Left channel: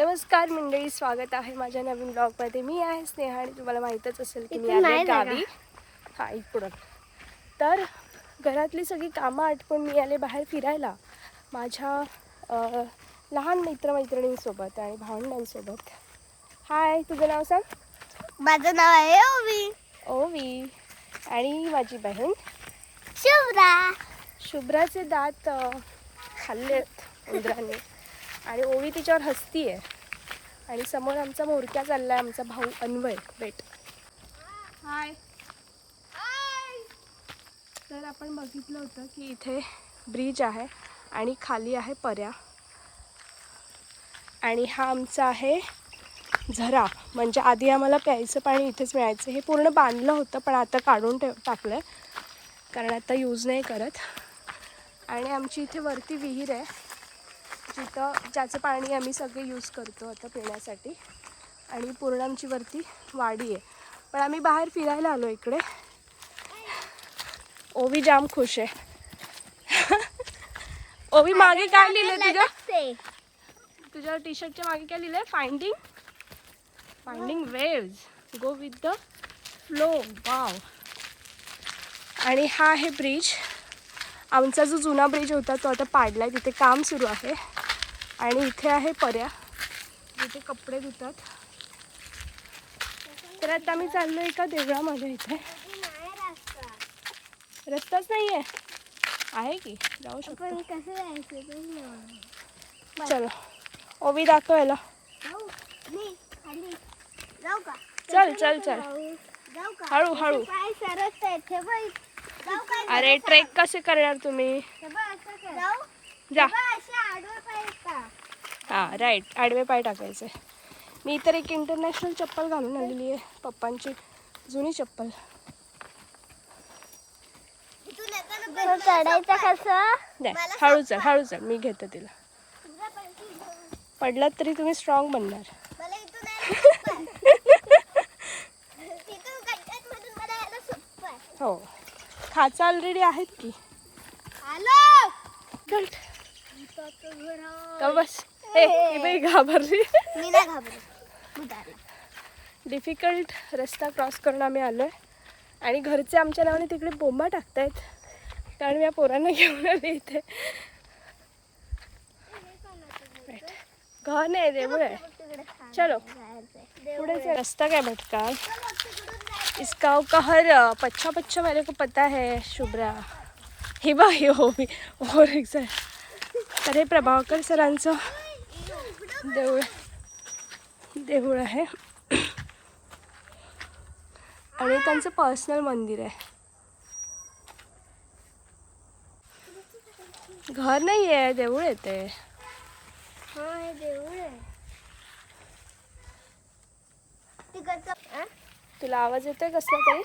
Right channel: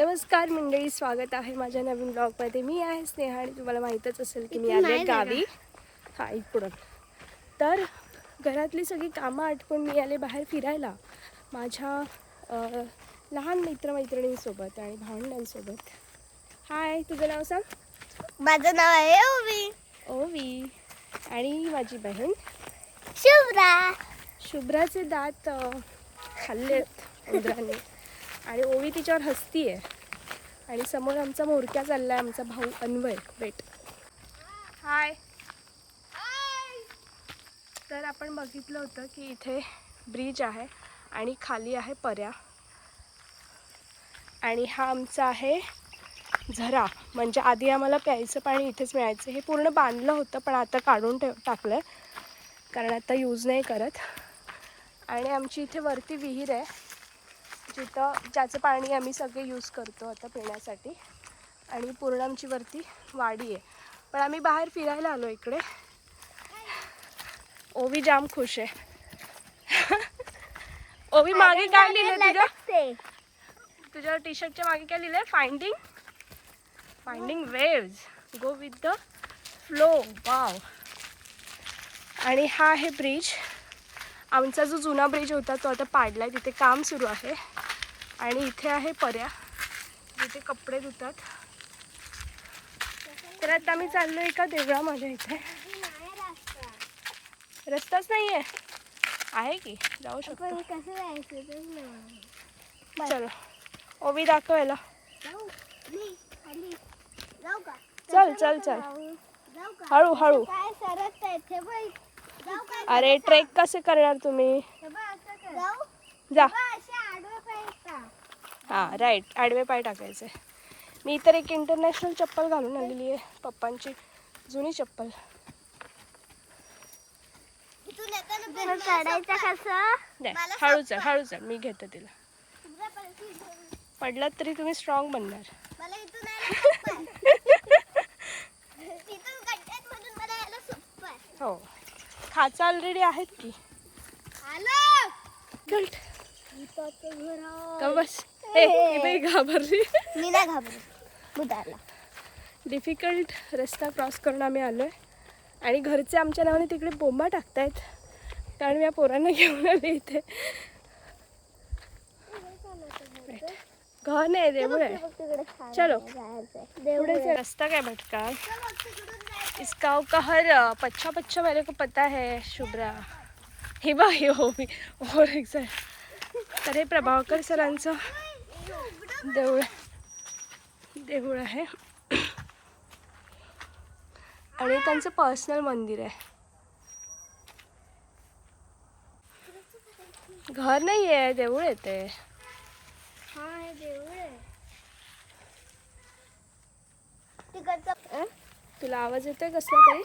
नमस्कार मंडळी, स्वागत आहे माझ्या नवीन ब्लॉगमध्ये. मी आहे स्नेहा आणि तुम्हाला माहीतच असेल की मी आले गावी. हा इकडून तर घरातली सगळी कामं आटपून मी आले बाहेर फिरायला माझ्या लहान मित्रमैत्रिणींसोबत आणि भावंडांसोबत. हाय, तुझं नाव सांग. माझं नाव आहे ओवी. ओवी. आणि माझी बहीण शुभ्रा. शुभ्राचे दात खाल्लेत उंदरांनी आणि ओवी तिच्यावर हसतीये. आणि समोर आमचा मोरक्या चाललाय, आमचा भाऊ अन्वय बेट. हाय. तर आपण बघितलं होतं की इथे ब्रिज आहे आणि खाली आहे पर्या. आणि हा आमचा आहे झरा. म्हणजे आधी आम्हाला प्यायचं पाणी इथेच मिळायचं. हे पूर्ण बांधलं होतं पण आता काढून टाकलं आहे कारण आता यूज नाही करत. आणि आमची इथे वरती विहीर आहे ज्याचं पाणी आम्ही सगळे यूज करतो आता पिण्यासाठी. आणि पूर्ण आमची वरती वाडी आहे. पण आम्ही बाहेर फिरायला आलो इकडे. ओवी जाम खुश आहे. ओवी, मागे काय लिहिलंय तुझ्या टी शर्टच्या मागे काय लिहिलंय? Finding waves, go with the flow. Wow. आणि हा आहे ब्रिज. आमचा जो जुना ब्रिज होता तो आता पाडला आहे, तिथे काम सुरू आहे. आणि इथे आहे पर्या जिथे कपडे धुतात. तर आता आम्ही चाललो एका देवळामध्ये. इथे रस्ताच नाही आहे की जाऊ शकतो. चलो ओवी दाखवायला. चल चल चल, हळू हळू. अरे ट्रेक कसे करणार तुम्ही? जा. हां राईट, आडवे पाय टाकायचे. मी तर एक इंटरनॅशनल चप्पल घालून आलेली आहे, पप्पांची जुनी चप्पल. हळू चल हळू चल, मी घेते तिला. पडलात तरी तुम्ही स्ट्रॉंग बनणार. हो, खाचा ऑलरेडी आहेत की. बस हे घाबरली. मी नाही घाबरली. डिफिकल्ट रस्ता क्रॉस करून आम्ही आलो आहे. आणि घरचे आमच्या नावाने तिकडे बोंबा टाकतायत कारण मी या पोरांना घेऊन आले इथे. घर नाही, देऊळ आहे. चलो पुढे. रास्ता क्या भटका, इस गाँव का हर पच्छा पच्छा मेरे को पता है शुभ्रा. हे बा हे हो मी और एक. तर हे प्रभाकर सरांचं देऊळ आहे आणि त्यांचं पर्सनल मंदिर आहे. घर नाही आहे, देऊळ आहे ते. तुला आवाज येतोय कसला तरी?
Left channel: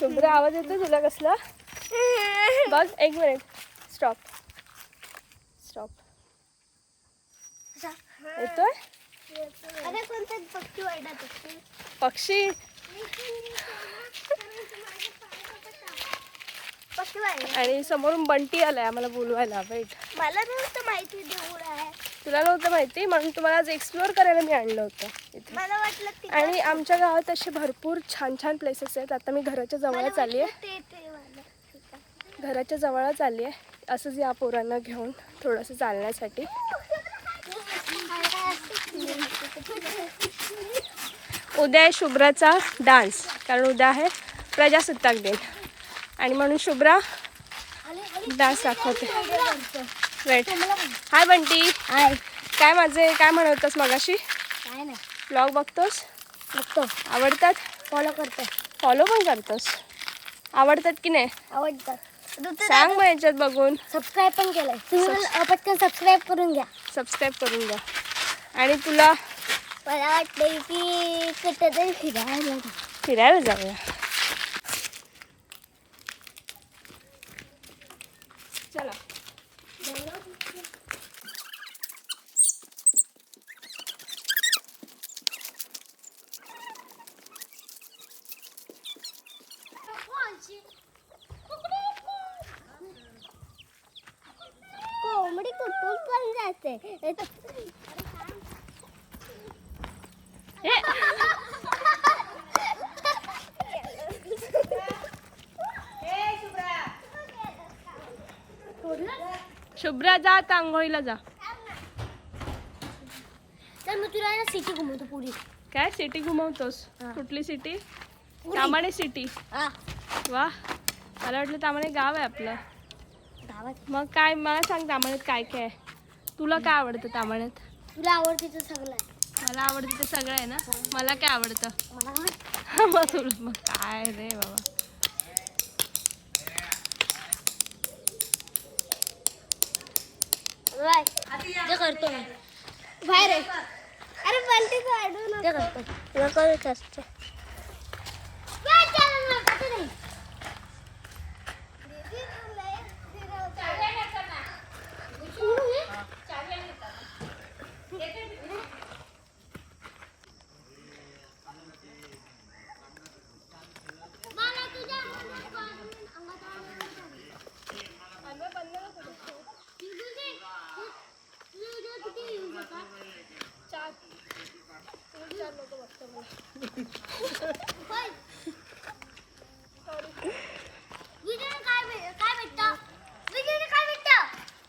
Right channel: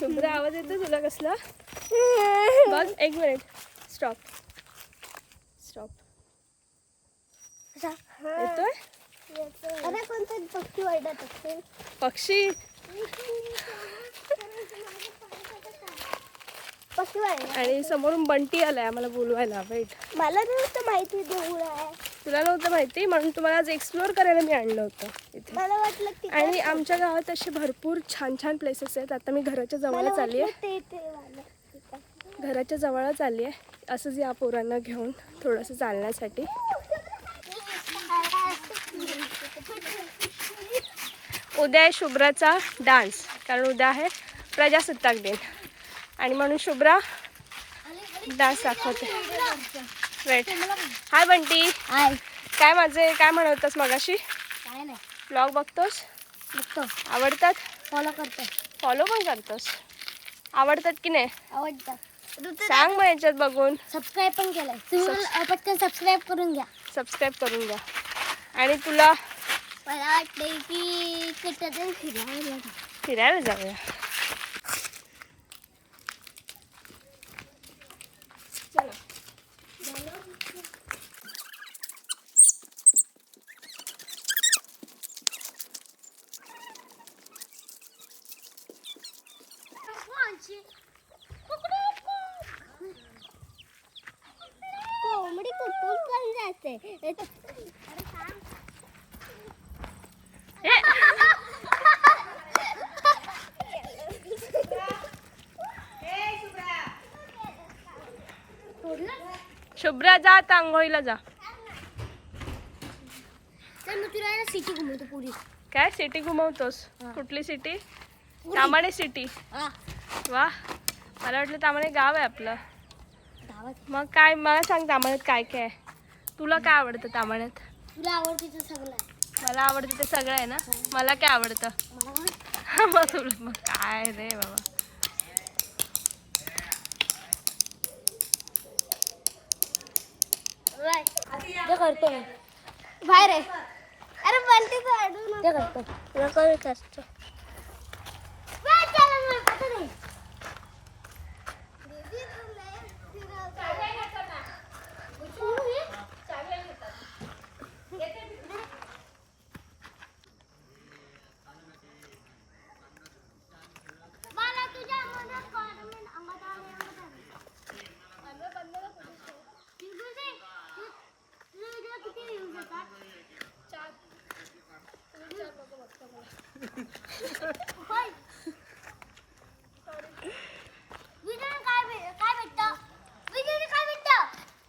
शुभ्रा, आवाज येतोय तुला कसला? बघ, एक मिनिट. स्टॉप. येतोय पक्षी. आणि समोरून बंटी आलाय आम्हाला बोलवायला. वेट, मला नव्हतं माहिती देऊळ आहे. तुला नव्हतं माहिती म्हणून तुम्हाला आज एक्सप्लोअर करायला मी आणलं होतं इथे. मला वाटलं. आणि आमच्या गावात असे भरपूर छान छान प्लेसेस आहेत. आता मी घराच्या जवळच आली आहे. घराच्या जवळच आली आहे असंच या पोरांना घेऊन थोडंसं चालण्यासाठी. उद्या आहे शुभ्राचा डान्स कारण उद्या आहे प्रजासत्ताक दिन आणि म्हणून शुभ्रा डान्स दाखवते. वेट. हाय बंटी. हाय. काय माझे काय म्हणत होतास मगाशी? काय नाही. ब्लॉग बघतोस? बघतो. आवडतात? फॉलो करतो. फॉलो पण करतोस? आवडतात की नाही? आवडतात. सांग मग याच्यात बघून. सबस्क्राईब पण केलंय तुम्ही. पटकन सबस्क्राईब करून घ्या. सबस्क्राईब करून घ्या. आणि तुला मला वाटतंय की कुठेतरी फिरायला जाऊया. चला. कोंबडी कुठून पण जाते. ते शुभ्रा जा आता आंघोळीला जा. तर मी तुला ना सिटी घुमवतो पुरी. काय सिटी घुमवतोस? हा. कुठली सिटी? तामाणे सिटी. हा वा, मला वाटलं तामाणे गाव आहे आपलं. गावात मग काय मला सांग तामाण्यात काय काय आहे? तुला काय आवडतं तामाण्यात? तुला आवडते तर सगळं आहे. मला आवडतं ते सगळं आहे ना. मला काय आवडतं? मला काय मग काय रे बाबा. ते करतो मी बाहेर आहे. अरे बनते ते करतो नको असते.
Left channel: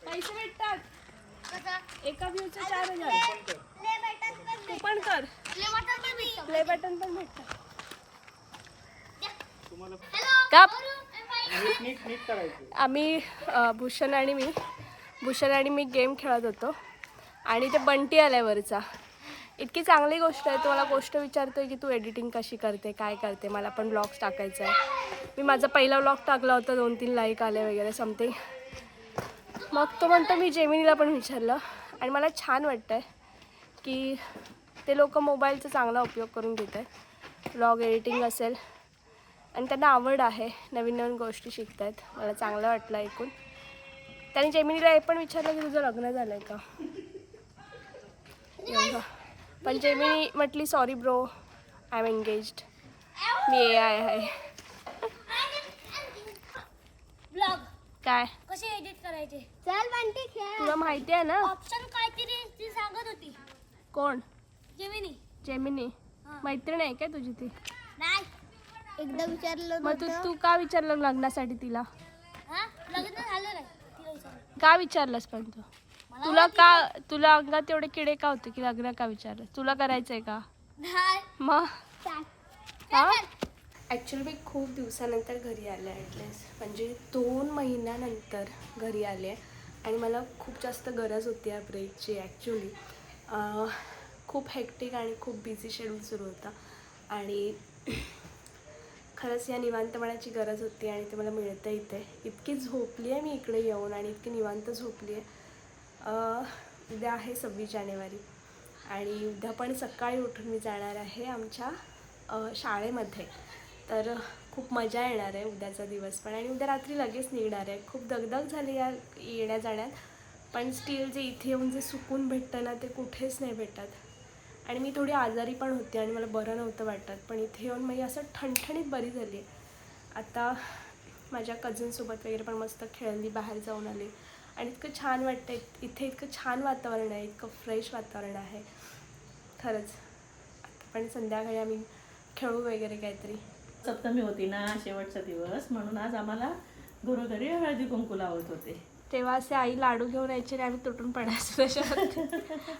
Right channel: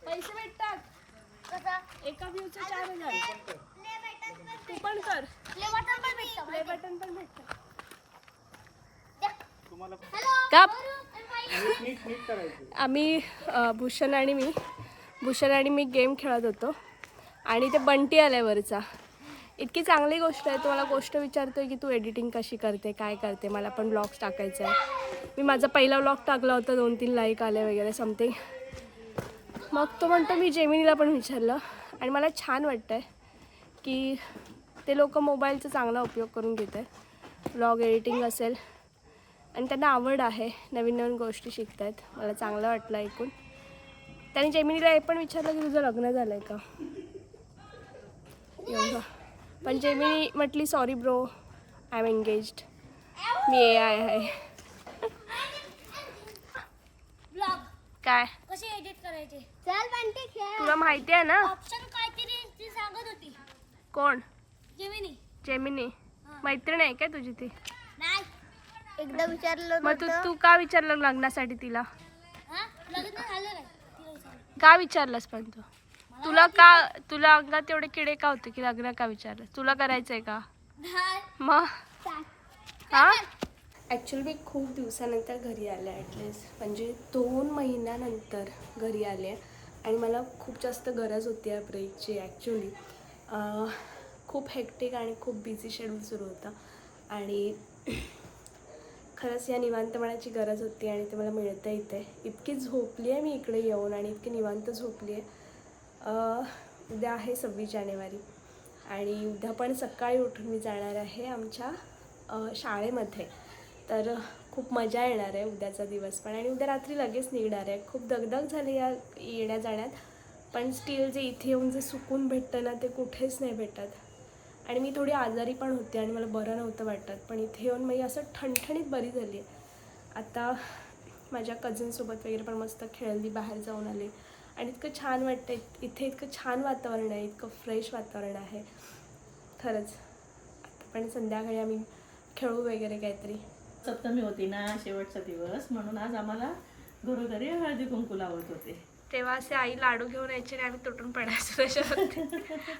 पैसे भेटतात एका व्ह्यूचे 4,000. तू पण कर. प्ले बटन पण भेटतं. का आम्ही भूषण आणि मी गेम खेळत होतो आणि ते बंटी आल्यावरचा. इतकी चांगली गोष्ट आहे. तो मला गोष्ट विचारतोय की तू एडिटिंग कशी करते, काय करते, मला पण ब्लॉग्स टाकायचा आहे. मी माझा पहिला ब्लॉग टाकला होता, 2-3 लाईक आले वगैरे समथिंग. मग तो म्हणतो मी जेमिनीला पण विचारलं आणि मला छान वाटतं आहे की ते लोक मोबाईलचा चांगला उपयोग करून घेत आहेत. ब्लॉग एडिटिंग असेल आणि त्यांना आवड आहे, नवीन नवीन गोष्टी शिकत आहेत. मला चांगलं वाटलं ऐकून. त्याने जेमिनीला हे पण विचारलं की तुझं लग्न झालं आहे का एवढं. पण जेमिनी म्हटली sorry bro, I am engaged, मी AI आहे. ब्लॉग काय कसे एडिट करायचे? चल बंटी खेळ. तुला माहिती आहे ना? ऑप्शन काहीतरी ती सांगत होती. कोण? जेमिनी. मैत्रीण आहे काय तुझी ती? नाही एकदा विचारलं मग तू का विचारलं लग्नासाठी तिला? हा लग्न झालं नाही तिला विचारलं. का विचारलंस पण तू? तुला अंगात एवढे किडे का होते की लग्न का विचारलं? तुला करायचंय का? नाही मग हा ॲक्च्युली मी खूप दिवसानंतर घरी आले, ॲटलिस्ट म्हणजे 2 महिन्यानंतर घरी आले आणि मला खूप जास्त गरज होती या ब्रेकची. ॲक्च्युली खूप हेक्टिक आणि खूप बिझी शेड्यूल सुरू होतं आणि खरंच या निवांतपणाची गरज होती आणि ते मला मिळतं इथे. इतकी झोपली आहे मी इकडे येऊन आणि इतकी निवांत झोपली आहे. उद्या आहे 26 जानेवारी आणि उद्या पण सकाळी उठून मी जाणार आहे आमच्या शाळेमध्ये. तर खूप मजा येणार आहे उद्याचा दिवस पण. आणि उद्या रात्री लगेच निघणार आहे. खूप दगदग झाली या येण्या जाण्यात, पण स्टील जे इथे येऊन जे सुकून भेटतं ना ते कुठेच नाही भेटत. आणि मी थोडी आजारी पण होती आणि मला बरं नव्हतं वाटत, पण इथे येऊन मी असं ठणठणीत बरी झाली आहे. आता माझ्या कझिनसोबत वगैरे पण मस्त खेळली, बाहेर जाऊन आले आणि इतकं छान वाटतं. इथे इतकं छान वातावरण आहे, इतकं फ्रेश वातावरण आहे खरंच. आता पण संध्याकाळी आम्ही खेळू वगैरे काहीतरी. सप्तमी होती ना, शेवटचा दिवस, म्हणून आज आम्हाला घरोघरी हळदी कुंकू लावत होते. तेव्हा असे आई लाडू घेऊन यायचे आणि आम्ही तुटून पडायचो त्याच्यावरती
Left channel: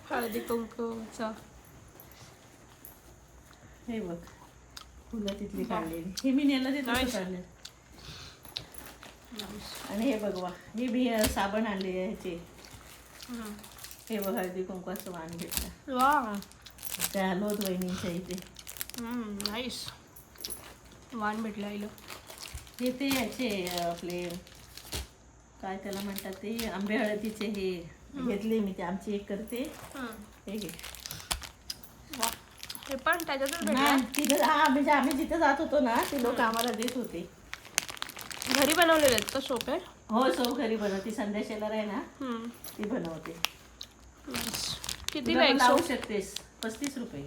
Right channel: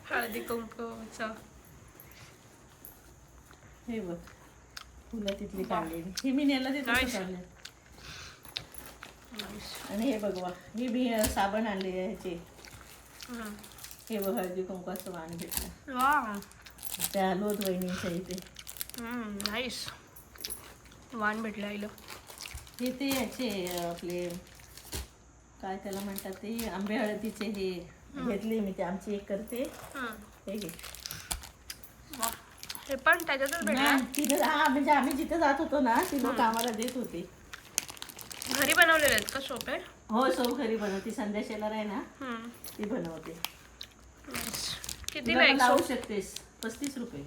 हळदी कुंकूचं. हे बघ फुलं तिथली काढलेली, ही मी नेला ते तसं काढलं. आणि हे बघवा, हे मी साबण आणले ह्याचे. हे बघ हळदी कुंकवाचं वाण घेतलं वा, त्या लोध वहिनींच्या इथे. नाईस वाण भेटलं आईला. हे ते याचे आपले काय त्याला म्हणतात ते आंबे हळदीचे हे घेतले मी, ते आमची एक करते. हे घे. वा, हे पण त्याच्यातच भेटलं. नाही, तिथं हा म्हणजे आम्ही जिथे जात होतो ना ती लोक आम्हाला देत होते. घरी बनवलेले आहेत का सोपे? हो, सो घरी बनवते. संध्या शेलर आहे ना ती बनवते. किती तुला पण लावू शकतेस. 35 रुपये.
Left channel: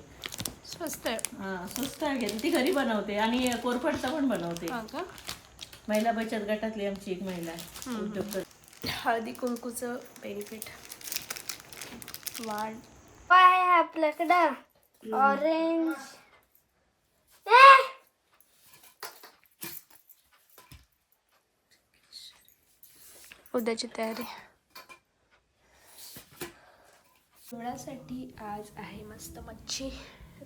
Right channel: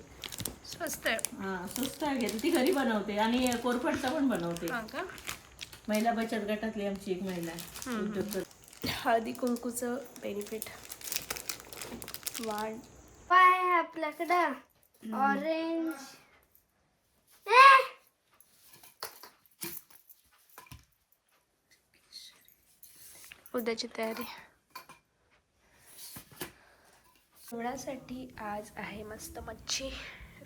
स्वस्त आहे. हां, स्वस्त आहे. घेते ती घरी बनवते आणि कोरफडचा पण बनवते. हां का? महिला बचत गटातली आमची एक महिला उद्योग करते. हळदी कुंकूचं बेनिफिट वाढ. काय आहे आपल्याकडं ऑरेंज. उद्याची तयारी. जेवणासाठी आज आहे मस्त मच्छी.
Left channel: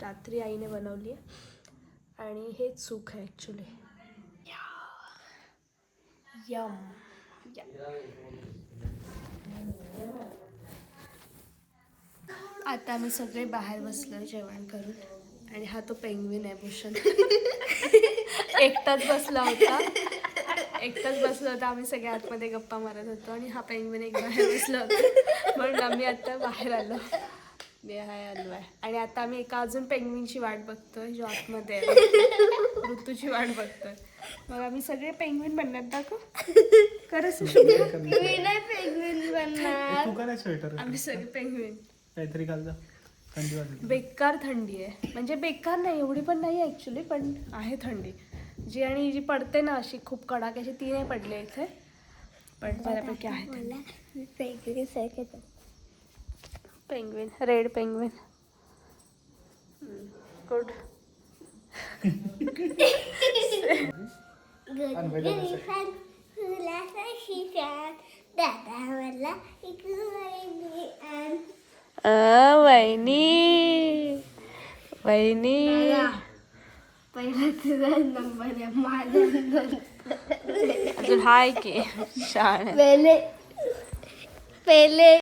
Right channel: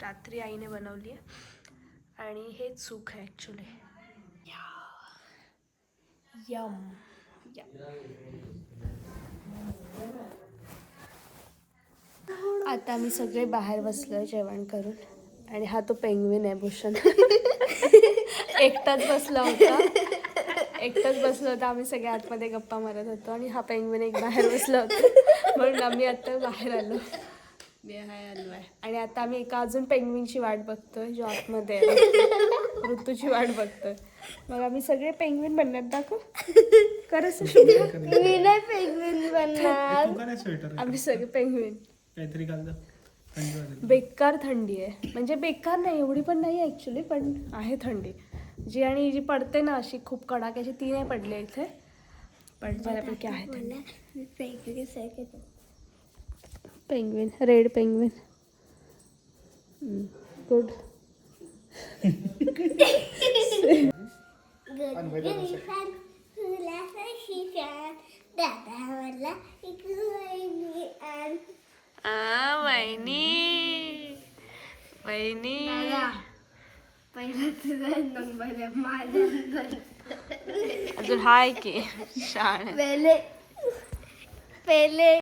रात्री आईने बनवली आहे आणि हे चूक आहे ॲक्च्युली. यम. आता आम्ही सगळे बाहेर बसलो जेवण करून आणि हा तो पेंग्विन आहे भूषण. एकटाच बसला होता. आम्ही सगळे आतमध्ये गप्पा मारत होतो आणि हा पेंग्विन एक बाहेर बसला होता म्हणून आम्ही आता बाहेर आलो. आलो आहे आणि आता आम्ही एका अजून पेंग्विनची वाट बघतोय जो आतमध्ये आहे. ऋतूची वाट बघतोय. मग आम्ही सगळे पेंग्विन बनणार. दाखव खरंच आम्ही सगळे पेंग्विन. काहीतरी घालता थंडी वाजली. बेकार थंडी आहे. म्हणजे बेकार नाही एवढी पण नाही ॲक्च्युली पण आहे थंडी जी. आणि जी पडते ना अशी खूप कडाक्याची ती नाही पडली इथे पण बऱ्यापैकी आहे थंडी. Penguin red penguin good. वहिनी पहिला तुझा नंबर आहे माझा. अजून हाय की शाळा पहिले